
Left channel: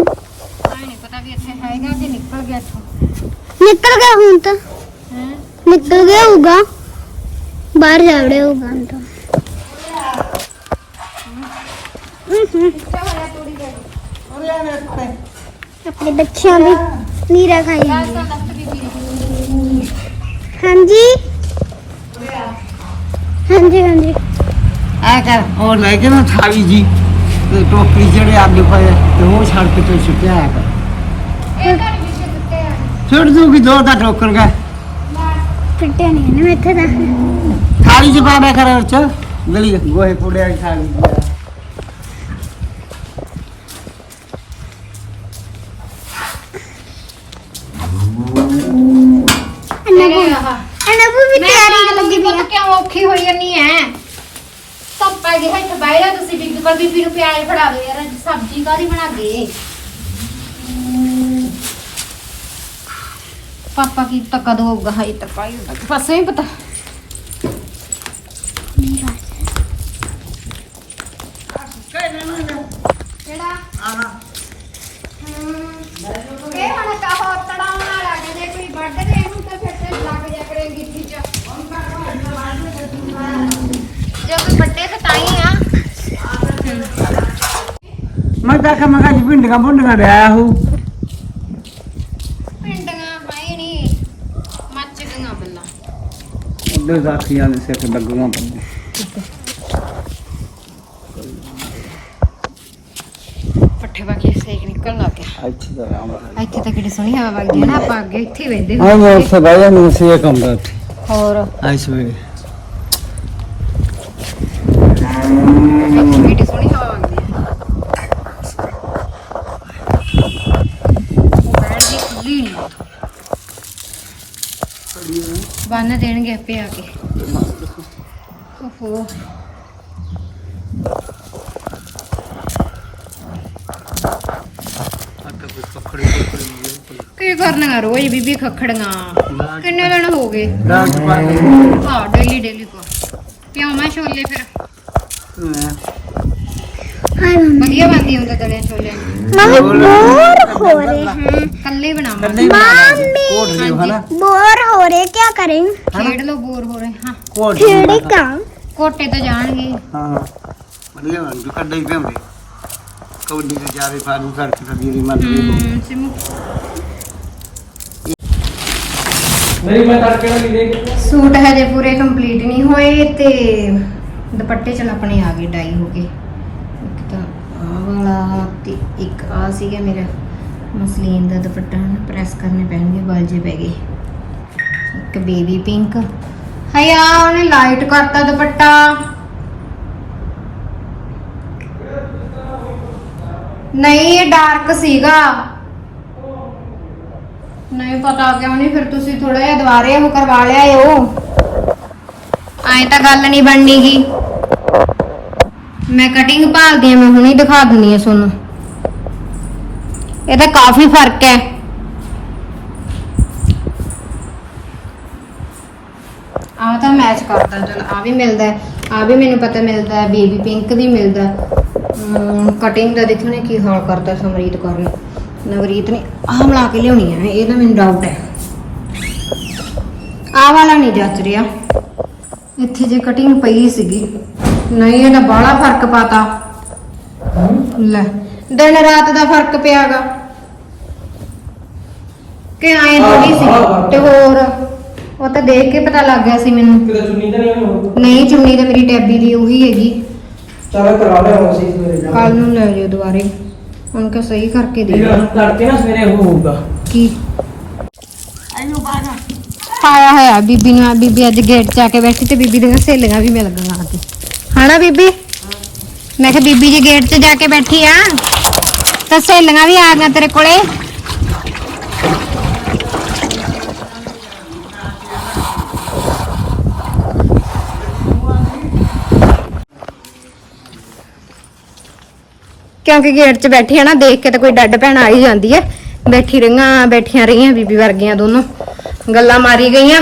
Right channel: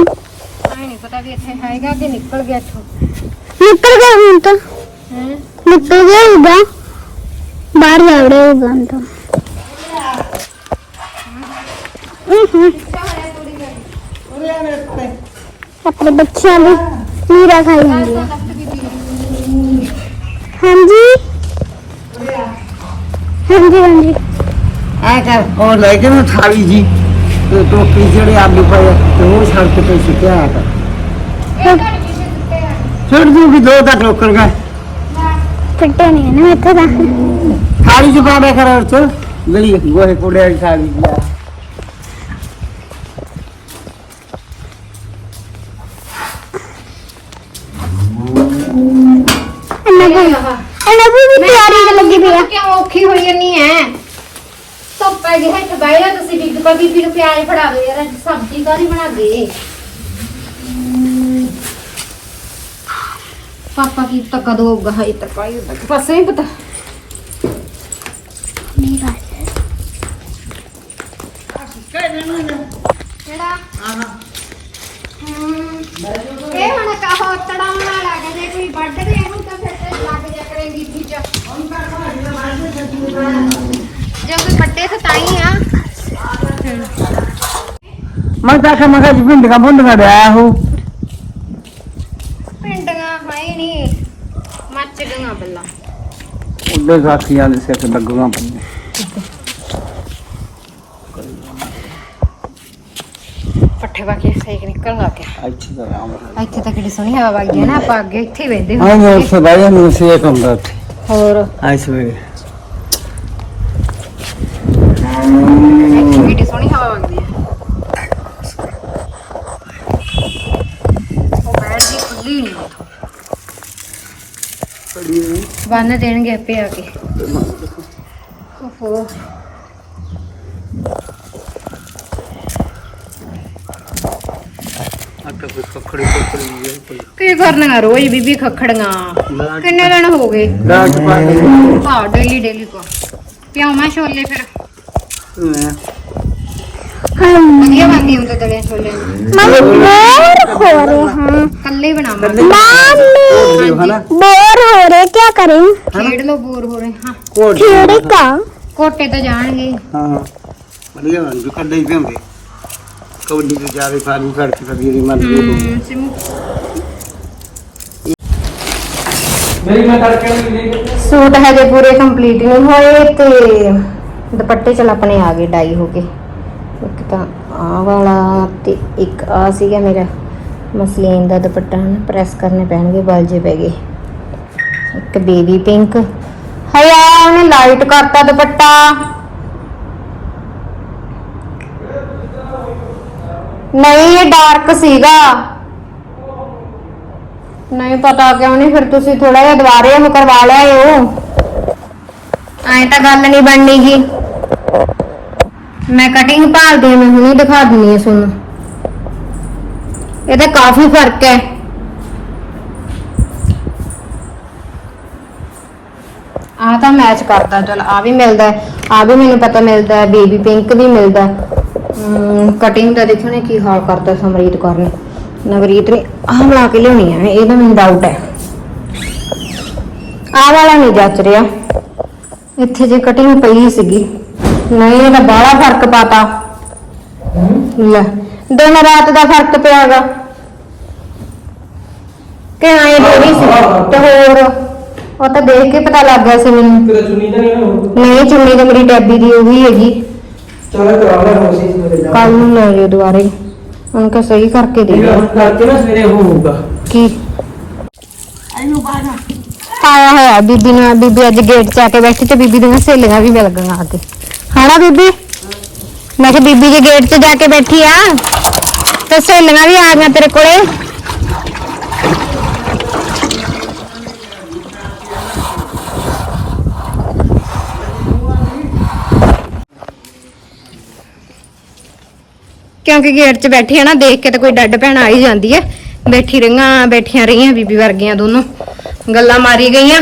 ਨਹੀਂ ਪਤਾ ਵੀ ਇੱਥੇ ਹੈਗਾ ਕਿ ਨਿਕਲ ਗਿਆ ਇੱਥੋਂ। ਨਿਕਲ ਗਿਆ ਹੁਣ ਤਾਂ। ਹੈ? ਨਿਕਲ ਗਿਆ ਹੋਊਗਾ। ਬਾਹਰ ਜਾ ਵੜਿਆ ਹੋਊਗਾ ਹੁਣ ਤਾਂ। ਆਪਣੇ ਬੱਚਿਆਂ ਦੀ ਨੀਰਾ ਖਾਈ ਜਾਂਦੀ। ਹਾਂਜੀ? ਹਾਂਜੀ ਹਾਂਜੀ। ਐ ਕਰ ਉਹ ਲੈ ਕੇ ਨਾ ਥਾਲੀ ਜੀ ਤੇ ਟੋਕਰੀ ਜਿਹੜੇ ਆਲੂ ਪਏ ਆ, ਤੇ ਉਹ ਸੜਕ ਤੇ ਸੁੱਟਿਆ ਆ। ਕਰ ਛੱਡ ਦੂਗੀ ਦੋ ਦਾ ਟੋਕਰ ਗਾ ਫਿੱਟੇ ਨਹੀਂ ਨਾ ਇੱਥੇ ਦਾ ਥਾਲੀ ਚ ਪਾ ਦੇ ਕਰ ਉਹ ਚ। ਗਲੀ ਗੋਹੇ ਪੁੜਿਆ ਦੀ ਥਾਲੀ ਜੀ ਆ। ਚ ਕਿਉਂ ਔਖੀ ਹੋਈ ਜੰਨੀ ਐ? ਧੁੱਪੇ ਜਿਹੇ ਇੱਥੇ ਬਹਿ ਜਾ ਤੁਸੀਂ ਬੀਬੀ ਪਰ ਬੀਬੀ ਨੂੰ ਪਿਆਜ਼ ਫੜਾ ਦਿਓ ਯਾਰ, ਅੱਜ ਸਬਜ਼ੀ ਕਾਹਦੀ ਬਣਾ ਦੇ? ਪਾਪਾ ਕੀ ਤੱਕ ਕਦੋਂ ਹੋਊਗਾ ਹਾਈ ਤੱਕ ਆਈ ਬਸ ਪਤਾ ਇਹ ਹੁਣ ਕਹੋ ਤੜਾਉਣਾ ਲੱਗ ਜੇ ਕੋਈ ਵੱਢ ਦੇ ਇਹਨੂੰ ਤਾਂ ਫਿਰ ਤੇ ਲੱਗ ਜਾ ਕਰੇਗੀ ਠੀਕ ਆ ਜੇ ਕੋਈ ਵੱਡੇ ਤਾਂ ਤਾਂ ਹੀ ਆ। ਮੈਂ ਤਾਂ ਕਿ ਮੈਂ ਕਿਹਾ ਬੁੰਡ ਦਾ ਆਇਆ ਹੂੰ। ਪਿੰਡੀਆਂ ਹੈ ਨਹੀਂ ਮੱਚ ਗਈਆਂ ਬੱਲਾ। ਉਹਦੇ ਸਾਥੀਆਂ ਦੇ ਸਿਰ ਤੇ ਲੱਗੂਗਾ ਪੱਠੇ ਪਾ ਕੇ ਸਹੀ ਨਿਕਲ ਲੱਗ ਗਿਆ। ਇੱਥੇ ਤਾਂ ਕਿਹੜੀ ਸੋਹਣੀ ਹਵਾ ਵਗਦੀ ਹੈ ਨਾ ਆਪਾਂ ਅੱਗੇ ਇੱਥੇ ਹੀ ਬੈਠਦੇ ਹਾਂ ਮੈਂ। ਸਦਾ ਜਾਂ ਨੂੰ ਸੇ ਕੰਦਾ ਹੋਰ? ਆਇਸ ਵੇ ਇੱਥੇ ਕਿਹੜੀ ਸੋਹਣੀ ਹਵਾ ਵਗਦੀ ਹੈ ਉਹ ਬੈਠ ਗਈ ਖੁੱਲੀ ਨਹੀਂ ਬੰਨ ਦੇਣਗੇ ਆਪੇ ਆ ਕੇ। ਓਹੋ। ਕੀ ਕਰਨੀਆਂ ਰੋਜ਼ ਬੀਬੀ ਖੱਖੜੀਆਂ? ਕਿੰਨੇ ਦਿਨ ਹੋ ਗਏ? ਹਾਂ ਡੇਲੀ ਡੇਲੀ ਕੋ। ਪਿਆਵਾਂ ਛੋਲੇ ਫਿਰ? ਹਾਂ ਵਧੀਆ ਬਣਦੀ ਹੁੰਦੇ ਤਲੇ ਛੋਲੇ। ਹਾਂ ਕੱਲੇ ਬਣਾਵਾਂ। ਕੋਟ ਲਿਓ ਹਨਾ? बोर हो रहे क्या करें ਖੇਡ ਲੋ ਬੋਰ ਹੋ ਰਹੇ ਹਾਂ ਕੋਟ ਲਿਓ खेड़े का ਕੋਟੇ ਤਾਂ ਜਾਣਗੇ ਹਾਂ ਵਧੀਆ ਬਣ ਗਈ ਕੱਢੇ ਹੀ ਪੈਂਦੇ ਕਬੱਡੀ ਤੋਂ ਜਾਵੇ ਫਾਰੂ ਕਰਕੇ ਤਾਂ ਦੀ ਮਰ ਗਈ ਹਮ, ਸਿਮੂ ਨਹੀਂ ਮੈਂ ਕਰਕੇ ਨਹੀਂ ਦੇਖ ਸੂਟ ਹਜੇ ਪੂਰੇ ਕੰਪਲੀਟ ਨਹੀਂ ਹੋਏ ਤੇ ਦੁਪੱਟੇ ਚਲ ਆਪਣੇ ਆ ਗਏ ਡਾਈ ਹੋ ਕੇ ਇੱਕ ਤਾਂ ਆਹ ਵਾਲਾ ਤੇ ਇੱਕ ਆ ਸੀਗਾ ਮੇਰਾ ਮਸਲੀਨ ਦਾ ਦੁਪੱਟਾ ਹਨ ਪ੍ਰੈਸ ਕਰਨੇ ਪੈਣਗੇ ਬਲ ਜੇ ਪੈ ਗਏ ਇੱਕ ਬੇਬੀ ਪਿੰਕ। ਹਯਾ ਉਹਨੇ ਲਾਈਟ ਕਰਤਾ ਦੁਪੱਟਾ। ਨਹੀਂ, ਇਹ ਡਾਰਕ ਸੀਗਾ। ਨਹੀਂ ਪਤਾ ਕਿਉਂ ਨਹੀਂ ਫਿਰ ਤੁਸੀਂ ਥੋੜਾ ਜਿਹਾ ਦੁਬਾਰੇ ਉਹ ਕਰਵਾ ਲਿਆ ਓ। ਐਂ ਤਾਂ ਗੱਲ ਨਹੀਂ ਬਣਨੀਗੀ ਮੈਂ ਕਟਿੰਗ ਭਾਲਦੀ ਆ, ਮੈਂ ਹੁਣੀ ਦਿਖਾ ਦਿੰਨੀ ਆ ਤੁਹਾਨੂੰ। ਇਹਦਾ ਕਾਫੀ ਫ਼ਰਕ ਹੈ। ਆ ਤਾਂ ਮੈਚ ਕਰਦਾ, ਚਲ ਆ ਵੀ ਮਿਲਦਾ ਆ ਵੀ ਮੈਨੂੰ ਪਤਾ ਮਿਲਦਾ ਬੇਬੀ ਪਿੰਕ ਵੀ ਮਿਲਦਾ ਕਟਿੰਗ ਦਾ ਦੇਖੋ ਨੇ ਕੀ ਹਾਲ ਕਰਦਾ ਸਮਰੀਤ ਕੌਰ ਨੇ। ਨਵਰੀਤ ਨੇ ਆਹ ਬਣਾ ਕੇ ਲਿਆਉਣੀ ਹੈ ਇਹਦਾ ਮੈਨੂੰ ਡਾਊਟ ਹੈ। ਆਹ ਵਾਲਾ ਨਹੀਂ ਜੱਚ ਰਿਹਾ। ਇੱਥੇ ਜੇ ਕਟਿੰਗ ਪਈ ਸੀਗੀ, ਨਹੀਂ, ਇਹਦਾ ਬਾਹਲਾ ਫ਼ਰਕ ਪਾਤਾ। ਲੈ, ਦਿਨ ਰਾਤ ਦਾ ਫ਼ਰਕ ਪਿਆਗਾ ਕਿ ਆਏ ਥੋੜੀ ਸੀ, ਤੇ ਹੋਰ? ਉਹ ਤਾਂ ਦੇਖ ਕੇ ਪਤਾ ਲੱਗ ਗਿਆ ਸੀ ਮੈਨੂੰ। ਤੇਰਾ ਚੁੰਨੀ ਤਾਂ ਨਹੀਂ ਹੋਣੀ ਨਹੀਂ ਚੁੰਨੀ ਤੇ ਮੇਰੀ ਟੈਬੀ ਦੀ ਉਹ ਵੀ ਹੈਗੀ। ਚੱਲ ਕਰਵਾ ਲੈ ਹੁਣ ਸੀ ਸਵੇਰੇ ਜਾ ਕੱਲ ਨੂੰ ਲੈ ਜਿਓ ਦੁਬਾਰੇ। ਉਹਨਾਂ ਕਾ ਸਹੀ ਕਰਕੇ ਦੇ। ਹੁਣ ਕਰਕੇ ਨਾ ਸਵੇਰੇ ਉਹ ਹੋਊਗਾ। ਕੀ? ਆਇਆ ਹੋਇਆ ਬੀਬੀ ਨੂੰ ਬੀਬੀ ਅੱਜ ਗੇਟ 'ਚ ਆ ਕੇ ਬੈਠੀ ਤੇ ਬੀਬੀ ਦੀਆਂ ਸਹੇਲੀਆਂ ਵੀ ਮਿਲ ਗਈਆਂ ਆ ਕੇ ਹਣਾ ਬੀਬੀ? ਮੈਂ ਕਿਹਾ ਬੀਬੀ ਜੇ ਗੇਟ 'ਚ ਜਾ ਕੇ ਬੈਠੀ ਆ ਤੇ ਸਹੇਲੀਆਂ ਵੀ ਆ ਗਈਆਂ ਤੇਰੇ ਕੋਲੇ। ਕਿਉਂਕਿ ਗੇਟ 'ਚ ਬੈਠੇ ਆ ਨਾ, ਦੇਖ ਕੇ ਤਾਂ ਕੋਈ ਡੱਡ ਭੈਣ ਆ ਹੀ ਜਾਂਦੀ ਹੈ ਬੈਠੀ ਰਹੀਆਂ, ਬੈਠੀਆਂ ਰਹੀਆਂ ਬੀਬੀ ਵਰਗੀਆਂ ਦੋਨੋਂ। ਗੱਲਾਂ ਮਾਰੀ ਗਈਆਂ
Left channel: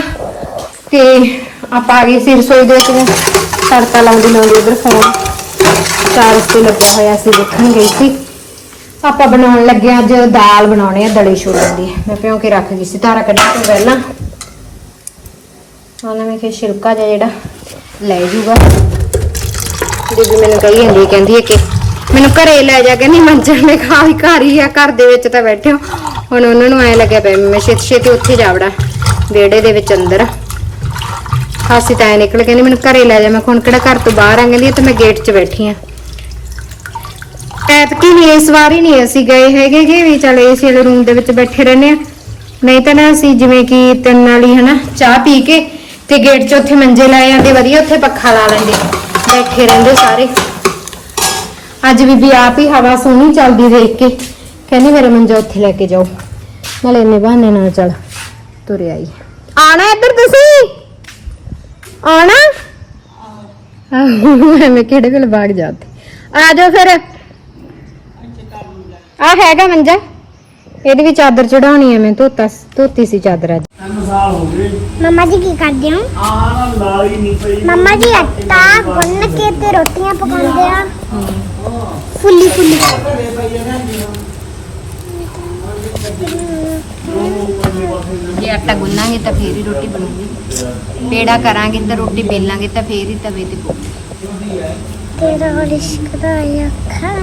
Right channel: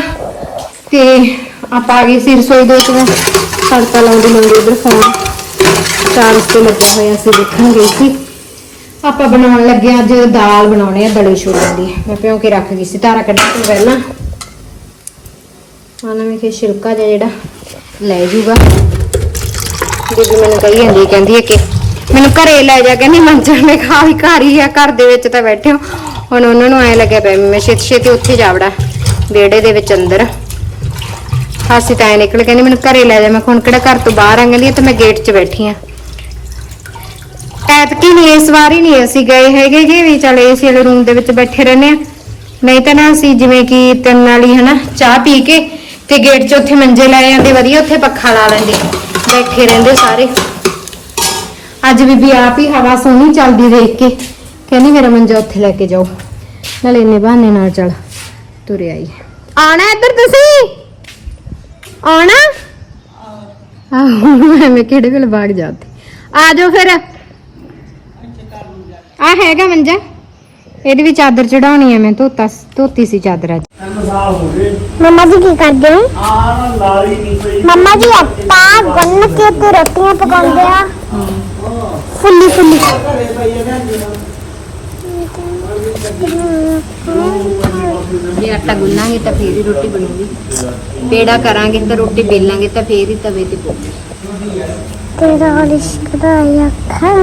ਤੇ ਆਪਾਂ ਆ ਗਏ ਸੀ ਰਸੋਈ ਦੇ ਵਿੱਚ ਤੜਕਾ ਲਾਉਂਦੇ ਲਾਉਂਦੇ ਉਧਰ ਫੋਨ ਚਾਰਜ ਤੇ ਲੱਗਿਆ ਹੋਇਆ ਸੀ, ਦੇਖਣ ਗਈ ਸੀ। ਆਪਾਂ ਬਣਾਉਣ ਲੱਗੇ ਅੱਜ ਦਾਲ ਬਣਾਉਣੇ ਆ, ਦਲੇ ਛੋਲਿਆਂ ਦੀ। ਮੈਂ ਭਿਉਂ ਕੇ ਰੱਖ ਗਈ ਸੀ ਤਾਰਾ ਕੱਢਣ ਤੋਂ ਪਹਿਲਾਂ। ਉਹਨਾਂ ਨੇ ਕਿ ਛਿਲਕਾ ਜਿਹਾ ਜਿਹੜਾ ਲੈ ਜੂਗਾ। ਬੀਬੀ ਮੈਨੂੰ ਕਹੀ ਜਾਂਦੀ ਕਹਿੰਦੀ ਹੈ ਕਿ ਮੈਨੂੰ ਘਰੇ ਲੈ ਜਾ ਕਹਿੰਦੀ ਮੰਜਣ ਨੇ ਖਾ ਹੀ ਘਰ ਹੀ ਆ, ਘਰ ਦੇ ਵਿੱਚ ਤਾਂ ਬੈਠੇ ਹੋ। ਹੁਣ ਉਹਨਾਂ ਨੂੰ ਐ ਲੱਗਿਆ ਪਿਆ ਮੈਂ ਛੇਤੀ ਛੇਤੀ ਉੱਥੇ ਜਾਵੜਾ ਵਿਹੜੇ ਦੇ ਵਿੱਚ ਅੰਦਰ। ਹਾਸੀ ਤਾਂ ਨਿਕਲ ਕਹਿੰਦੀ ਮੈਨੂੰ ਘਰੇ ਲੈ ਜਾ, ਮੈਂ ਹੁਣ ਕਿਹੜਾ ਘਰ ਤੋਂ ਬਾਹਰ ਆ ਕਹਿੰਦੀ ਤੇ ਮੈਂ ਗੇਟ 'ਚ ਬੈਠੀ ਆ ਐਤਕੀ ਨਹੀਂ, ਇਸ ਵਾਰੀ ਨਹੀਂ ਅਸੀਂ ਗਏ ਹੈਗੇ ਕਿ ਵੀ, ਚਲ ਏਸੀ ਵਾਲੇ ਰੂਮ ਦੇ ਵਿੱਚ ਬੈਠੇ ਰਹਿੰਦੇ ਆ ਨਹੀਂ ਤਾਂ ਨਾ ਅਸੀਂ ਜਿਵੇਂ ਕਿ ਤਿੰਨ ਵਾਲੀ ਹਨਾ ਚਾਹ ਪੀ ਕੇ ਤੇ ਗੇਟ 'ਚ ਉੱਥੇ ਮੰਜੇ ਲੈ ਜਾਂਦੇ ਵਧੀਆ ਉੱਥੇ ਪੱਖਾ ਲਾ ਲੈਂਦੇ। ਬੈਠੇ ਰਹਿੰਦੇ ਸਾਰੇ। ਅੱਜ ਬੀਬੀ ਆਪ ਹੀ ਹਵਾ ਸੋਹਣੀ ਚੱਲਦੀ ਦੇਖ ਕੇ। ਕਹਿੰਦੀ ਮੇਰਾ ਮੰਜਾ ਉੱਥੇ ਲੈ ਕੇ ਜਾਓ। ਨਾਲੇ ਇੰਨੇ ਬਹਾਨੇ ਨਾਲ ਚੱਲ ਤੁਰੇ ਆਈ। ਆਣਾ ਇੱਧਰ ਤੁਸੀਂ? ਆਣਾ ਆਹੋ ਮੈਂ ਕਿਹੜੇ ਵੇਲੇ ਬਾਗ ਜਾਂਦੀ ਆ ਜਾਓ ਫਿਰ। ਆ ਹੈਗਾ ਮੰਜਾ। ਇਹਦੇ ਵੀ ਚਾਦਰ ਚੜਾਉਣੀ ਹੈ ਮੈਂ ਧੋਤਾ ਧੋਤੀ ਸੀ ਚਾਦਰ ਅੱਜ। ਮੰਮਾ ਜੀ ਕੀ ਕਰਦੇ ਹੋ? ਆ ਨਾਲ ਹੀ ਨਹੀਂ ਪਈ ਮੰਮਾ ਜੀ ਆਟਾ ਗੁੰਨ ਕੇ ਤੇ ਰੋਟੀਆਂ ਪਕਾਉਂਦੇ ਆ। ਫੁੱਲੀ ਫੁੱਲੀ। ਜੇ ਆਟਾ ਗੁੰਨਾਂਗੇ ਤਾਂ ਫੇਰ ਹੀ ਰੋਟੀ ਬਣੂਗੀ। ਪੇੜਾ ਕਰਾਂਗੇ ਤਾਂ ਰੋਟੀ ਬੇਲਾਂਗੇ ਤਾਂ ਫੇਰ ਹੀ ਤਵੇ ਤੇ ਪਊ ਤੇਰਾ ਲਿਸ਼ਕਦਾ ਅੱਖਾਂ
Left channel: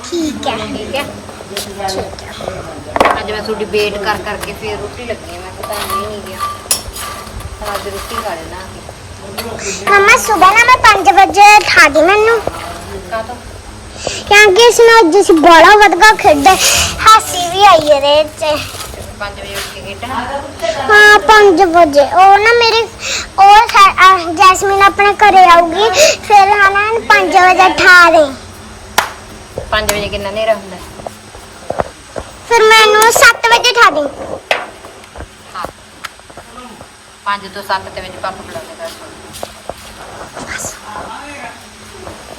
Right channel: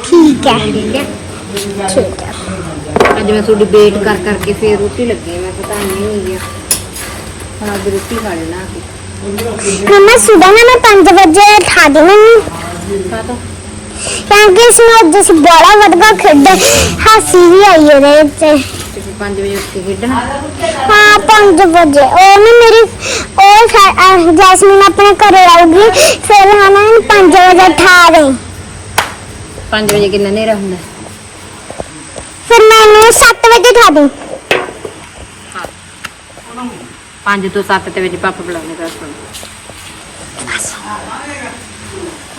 ਠੀਕ ਹੈ। ਠੀਕ ਹੈ। ਅੱਜ ਮੈਂ ਤੁਹਾਡੀ ਵੇਟ ਕਰ ਕਰਕੇ ਫੇਰ ਰੋਟੀ ਲੱਗੀ ਮੈਂ ਪਤਾ ਨਹੀਂ ਹੋ ਗਿਆ ਹੁਣ ਅੱਜ ਰੋਟੀ ਖਾ ਲੈਣਾ ਮਮਾ ਸੁਬਹ ਨਾ ਮੈਂ 5 ਵਜੇ ਉਠਾ ਦੇ ਮੈਨੂੰ। ਕਾ ਤੋਂ ਕਿਉਂਕਿ ਇਸਨੂੰ ਜਿਸ ਬੜਾ ਵਧਗਾ ਖੇਡਦਾ ਹਾਸੀ ਵੀ ਆਈ ਇਹਦੇ ਵਿੱਚ। ਤੇ ਫਿਰ 5 ਵਜੇ ਉੱਠ ਕੇ ਖੇਡਣਾ? ਹਾਂ 5 ਵਜੇ। ਉਹ ਨਾ ਮੇਰੀ ਉਹ ਖੈ- ਅਹ ਜੈਸਮੀਨ ਆਪਣੇ ਘਰੇ ਆਊਗੀ ਫਿਰ ਹਨਾ 5 ਵਜੇ ਉਠਾ ਦੇ। 5 ਵਜੇ ਕਿੰਨਾ ਹਨੇਰਾ ਹੁੰਦਾ? ਫਿਰ ਮੈਨੂੰ 7 ਵਜੇ ਉਠਾ ਦੇ। 5 ਤੋਂ 7 ਦੇ ਵਿੱਚ ਪਾਪਾ ਬੁਲਾਉਣੇ ਕਰ ਸੁਣ।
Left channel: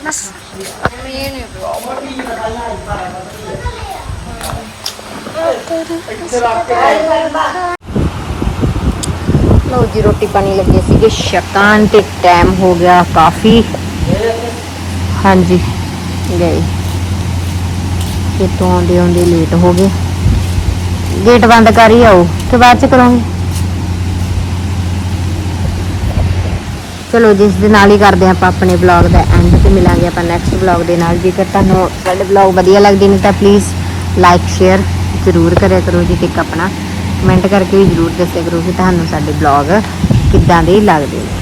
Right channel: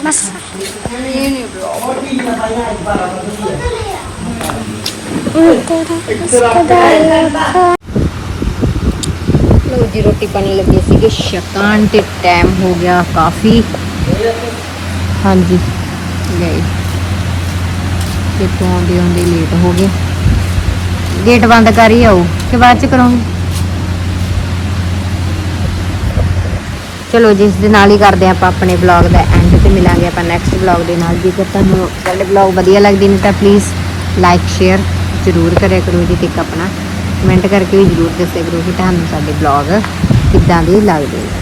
ਬਸ ਲਓ ਜੀ, ਰੋਟੀ ਪਾਣੀ ਲੱਗੇ ਸੀਗੇ। ਸ਼ਕਾਨ ਤੇ ਟਾਈਮ ਹੋ ਗਿਆ ਕਾਫੀ। ਹਾਂਜੀ। ਗਏ ਤੇ ਆਉਂਦੇ ਆਉਂਦੇ ਲੇਟ ਹੋ ਗਏ। ਗੇਟ ਬੰਦ ਕਰ ਹੀ ਆਓ, ਤੇ ਬਾਅਦ ਚ ਕਰਾਂਗੇ। ਚਲੋ ਜੀ, ਦੇ ਨਾਲ ਹੀ ਕਰਦੇ ਆਪਾਂ ਆਪਣੇ ਬਲੌਗ ਦਾ ਐਂਡ ਤੇ ਮਿਲਾਂਗੇ ਆਪਾਂ ਨੈਕਸਟ ਬਲੌਗ ਦੇ ਨਾਲ। ਜੇਕਰ ਤੁਹਾਨੂੰ ਸਾਡੇ ਬਲੌਗ ਵਧੀਆ ਲੱਗਦੇ ਨੇ ਤਾਂ ਪਲੀਜ਼ ਲਾਈਕ ਸ਼ੇਅਰ ਜ਼ਰੂਰ ਕਰਿਆ ਕਰੋ ਜੀ, ਤੇ ਆਪਣਾ ਕਮੈਂਟ ਕਰਕੇ ਵੀ ਜ਼ਰੂਰ ਦੱਸਿਆ ਕਰੋ ਜੀ, ਤੁਹਾਨੂੰ ਸਾਡੇ ਬਲੌਗ ਕਿੱਦਾਂ ਦੇ ਲੱਗਦੇ ਨੇ।